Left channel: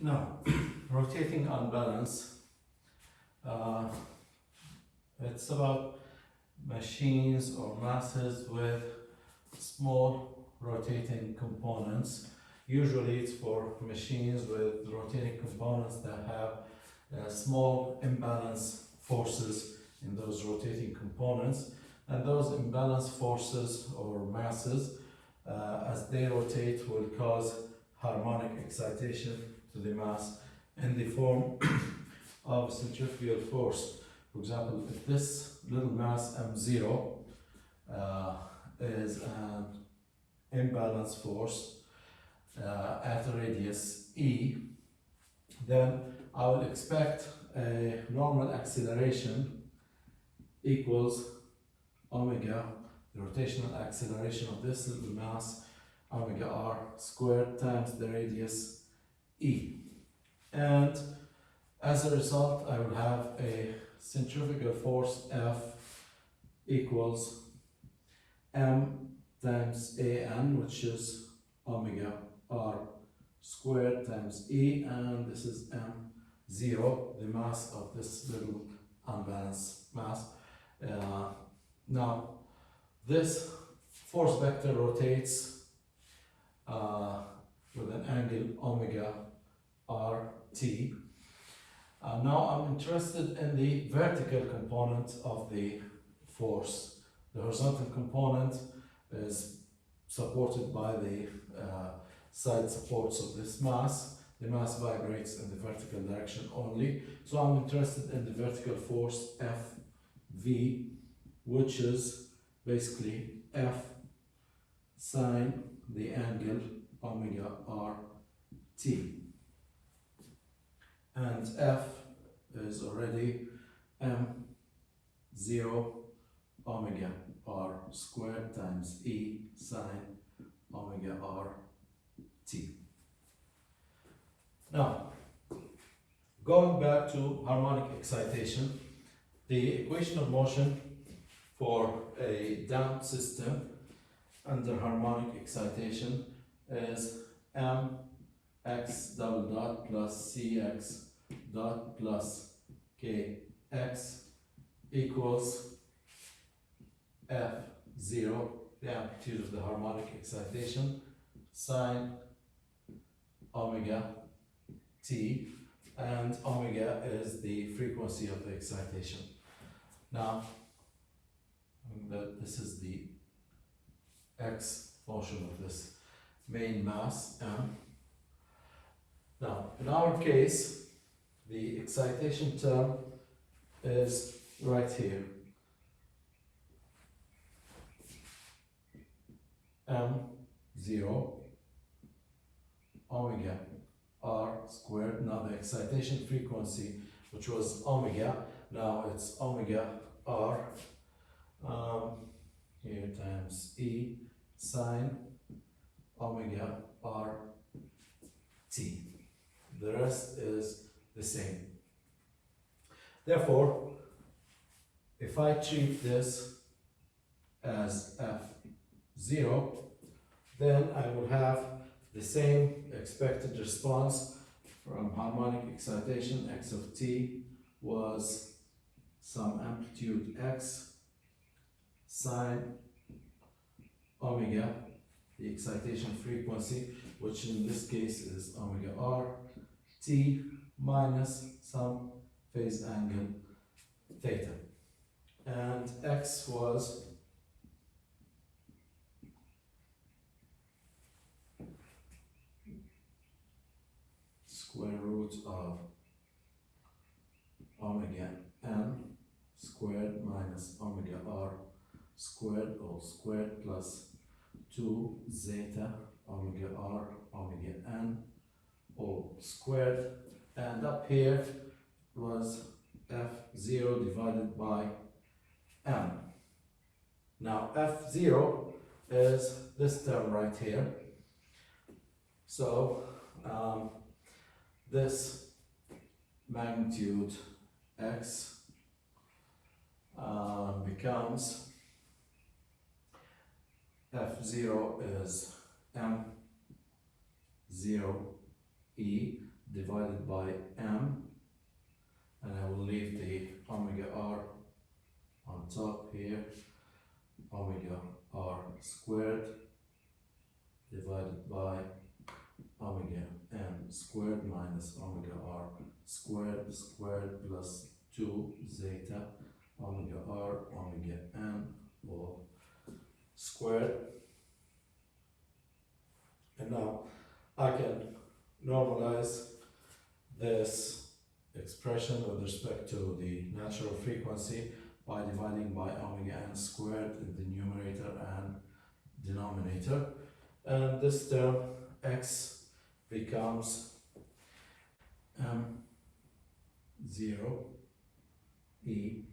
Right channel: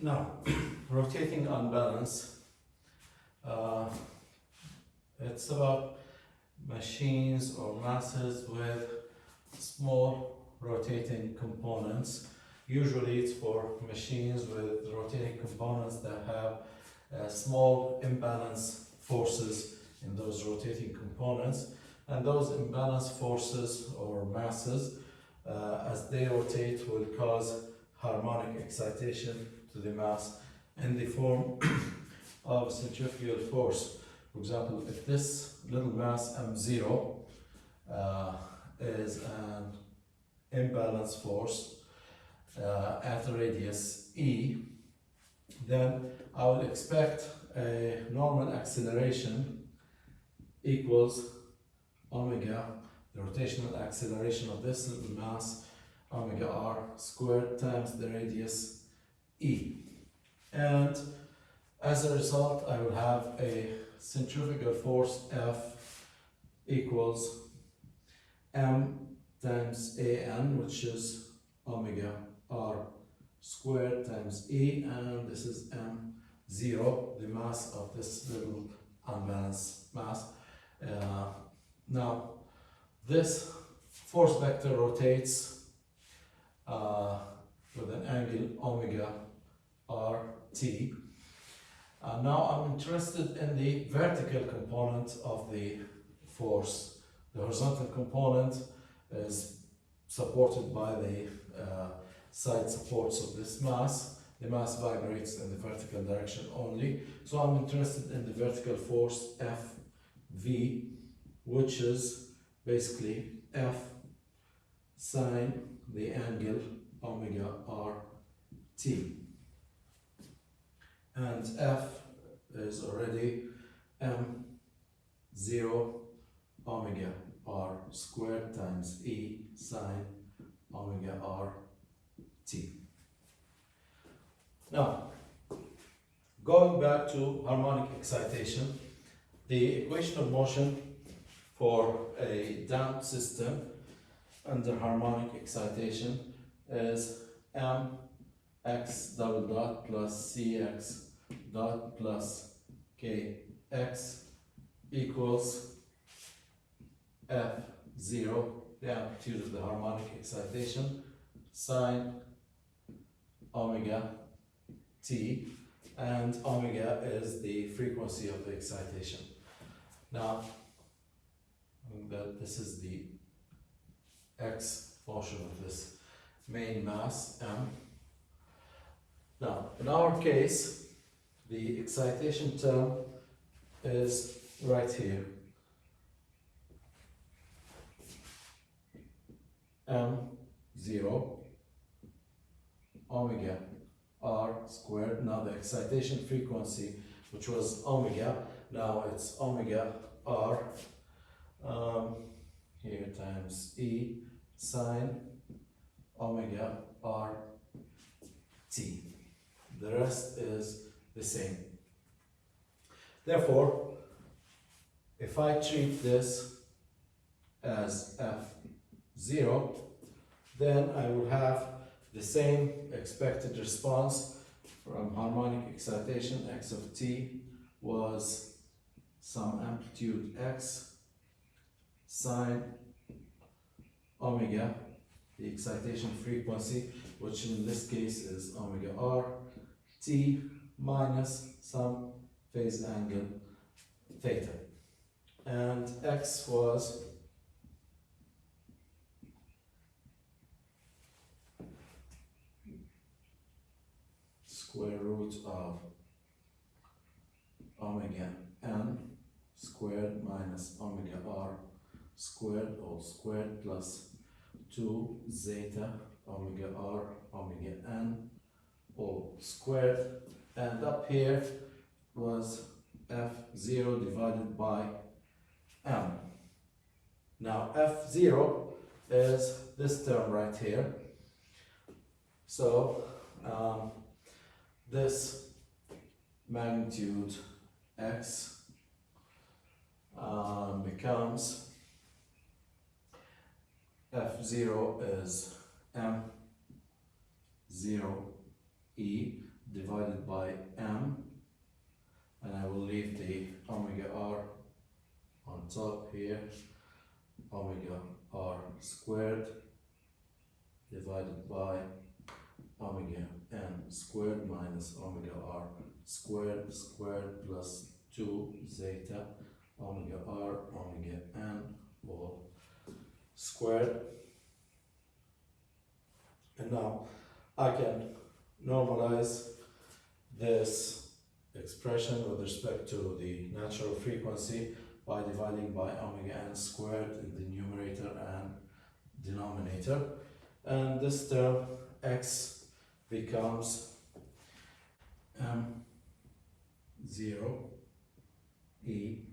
Now, rotating unbalance, uh, it's about machines or masses with small rotating components. Usually it's for machines with rotating components that have small imbalance forces in those rotating components, and those imbalance forces or masses as they rotate will cause harmonic excitation to the mass in the form of centrifugal force. For example, if this little mass m0 is an imbalance force at a radius e, then I will expect a normal acceleration equals omega, the rotational acceleration of this little mass, omega r squared times the radius e. And as a result, I will have a centrifugal force F equals m times an, which is omega r squared times e, and this is m0, the mass of this little unbalanced mass. Now, this force vector rotates with an angle omega rt. Now I'm interested in the vertical component of the force. The horizontal component is supported by the side supports of this mass. The mass vibrates in the vertical direction only. So I'm interested in the vertical force Fv, which is basically F sine the angle omega rt. And F is already m0 omega r squared times e sine omega rt. Now, going back to harmonic excitation, the equation of motion for a damped system under harmonic excitation is mx double dot plus cx dot plus kx equals f0, the amplitude of the harmonic excitation, sine omega t, and omega is the frequency of the excitation. Now, this is the x portion of this main mass m. Now, in our case, the excitation term is right here, m0 omega r squared. Now the excitation frequency, which was omega, now it's omega r here times e sine omega r t. The rest is the same. Therefore, if I treat this as f0, then I will have the same expected response from harmonic excitation. X of t was some amplitude x sine omega, the excitation frequency, which in this case is omega r t minus some phase angle theta, and x was square root of omega m squared minus omega r squared all squared plus 2 zeta omega r omega n all squared, and up here was f0 divided by m. Now f0 is this term right here, so this magnitude x becomes f0 is m0 e divided by m, and I will leave the omega r on top here, omega r squared divided by omega m squared minus omega r squared plus 2 zeta omega r omega n all squared. And now I can normalize this expression with respect to the natural frequency by dividing by omega n squared in the numerator and denominator. And this term x becomes m0 e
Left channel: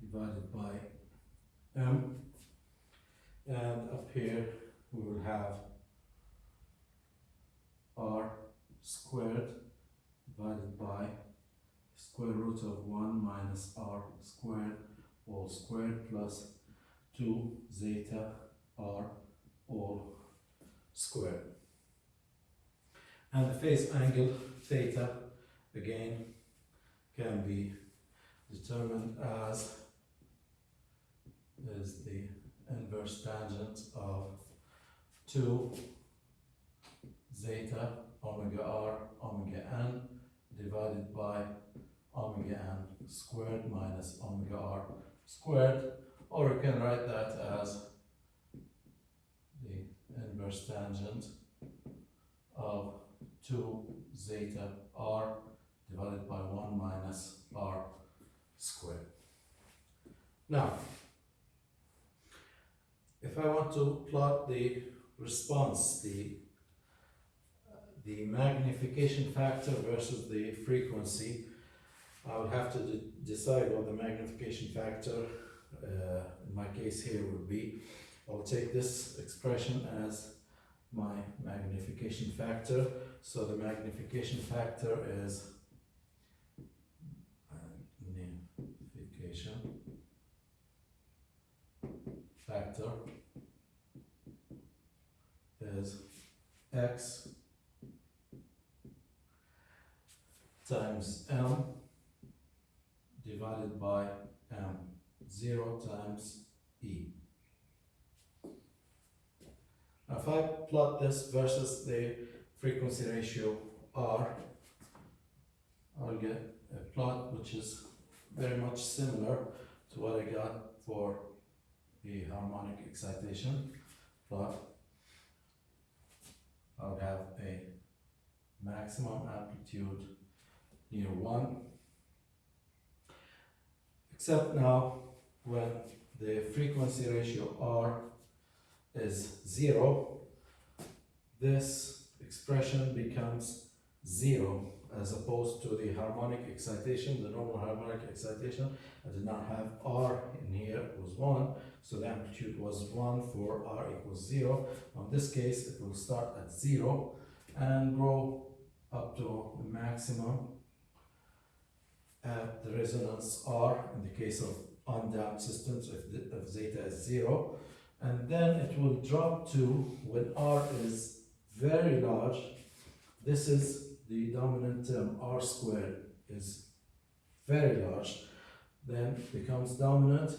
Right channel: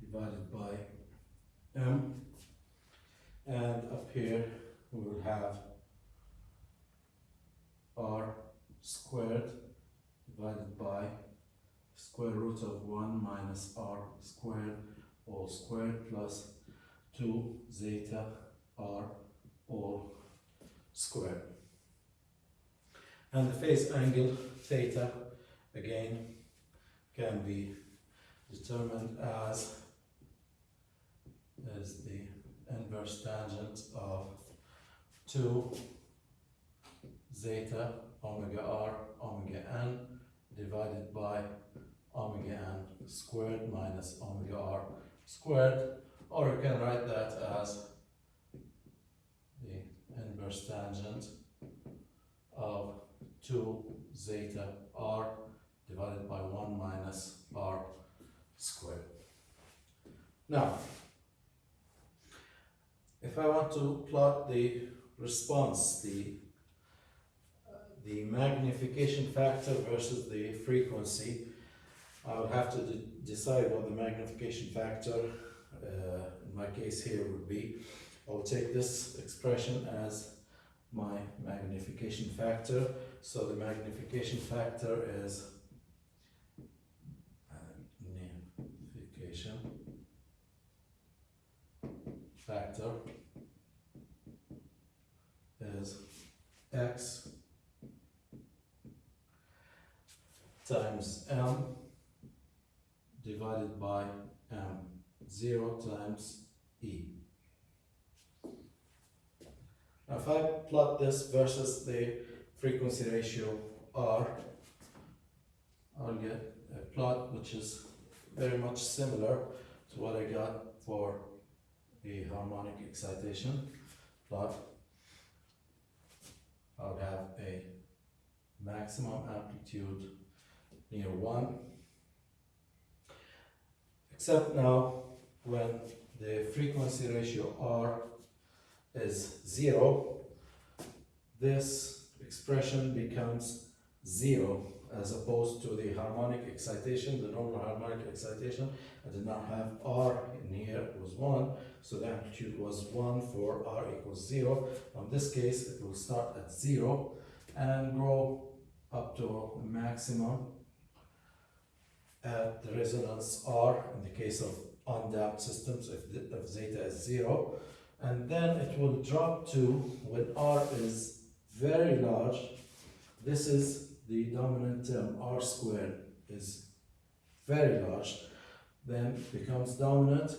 divided by m, and up here we will have r squared divided by square root of 1 minus r squared all squared plus 2 zeta r all squared. And the phase angle theta again can be determined as the inverse tangent of 2 zeta omega r omega n divided by omega n squared minus omega r squared, or you can write that as the inverse tangent of 2 zeta r divided by 1 minus r squared. Now, if I want to plot the response, the magnification factor versus the frequency, I would have to decide what the magnification factor in my case here would be. I'll take this expression as my magnification factor. So the magnification factor is magnification factor is x times m divided by m0 times e. Now if I plot this versus the frequency ratio r, I'll get a plot which is very much similar to what I got for the harmonic excitation plot. I'll have a maximum amplitude near 1, except now when the frequency ratio r is 0, this expression becomes 0 as opposed to the harmonic excitation, the normal harmonic excitation. I did not have r in here, it was 1, so the amplitude was 1 for r equals 0. In this case, it will start at 0 and grow up to a maximum at the resonance r in the case of undamped systems if zeta is 0, and then it will drop to when r is very large. This is the dominant term, r squared is very large, then becomes dominant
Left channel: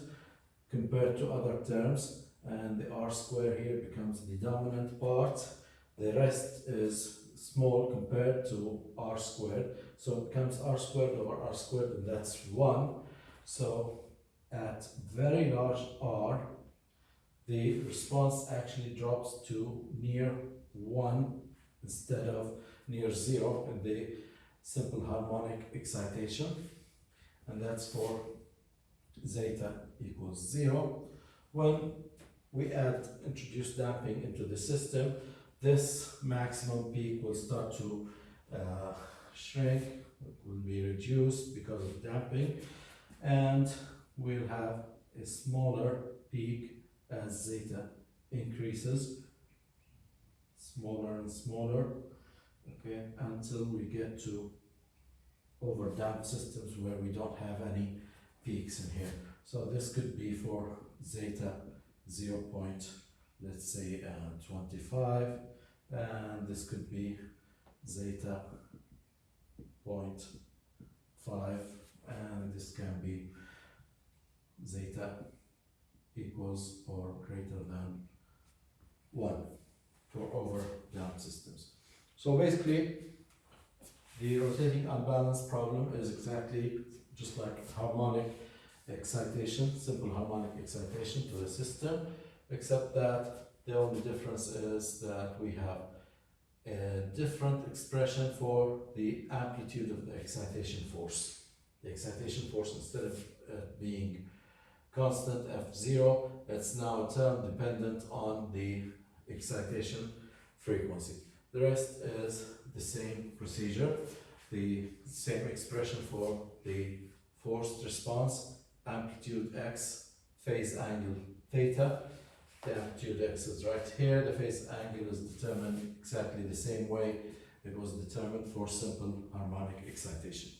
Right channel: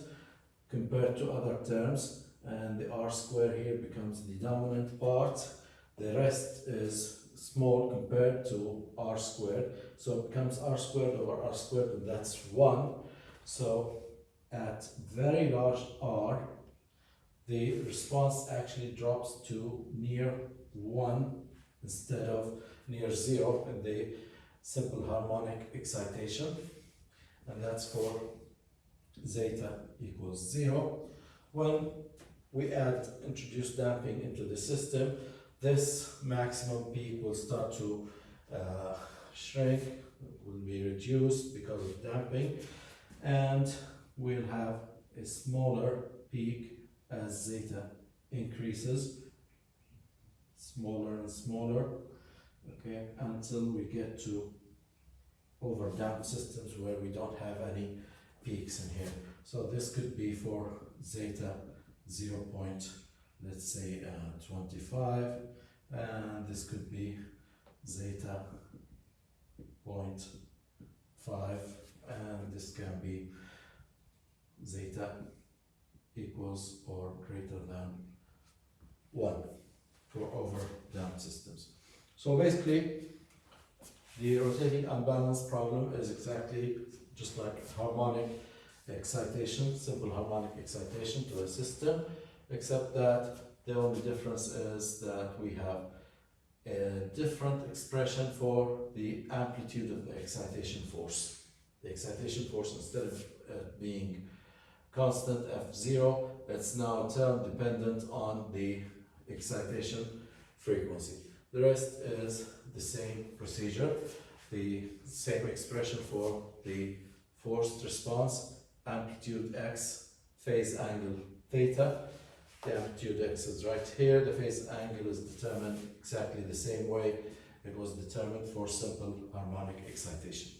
compared to other terms, and the r squared here becomes the dominant part. The rest is small compared to r squared, so it becomes r squared over r squared, and that's 1. So at very large r, the response actually drops to near 1 instead of near 0 in the simple harmonic excitation, and that's for zeta equals 0. When we introduce damping into the system, this maximum peak will start to shrink, it will be reduced because of damping, and we'll have a smaller peak as zeta increases, smaller and smaller, okay, until we get to overdamped systems where we don't have any peaks in here. So this could be for zeta 0. Let's say 25, and this could be zeta 0.5, and this can be zeta equals or greater than 1 for over down systems. So basically, the rotating unbalanced problem is exactly just like harmonic excitation, simple harmonic excitation to a system, except that the only difference is that we have a different expression for the amplitude of the excitation force. The excitation force, instead of being constant F0, it's now term dependent on the excitation frequency. The rest is the same procedure, the same expression for the forced response, amplitude x, phase angle theta. The amplitude x is right here, the phase angle is determined exactly the same way it was determined for simple harmonic excitation.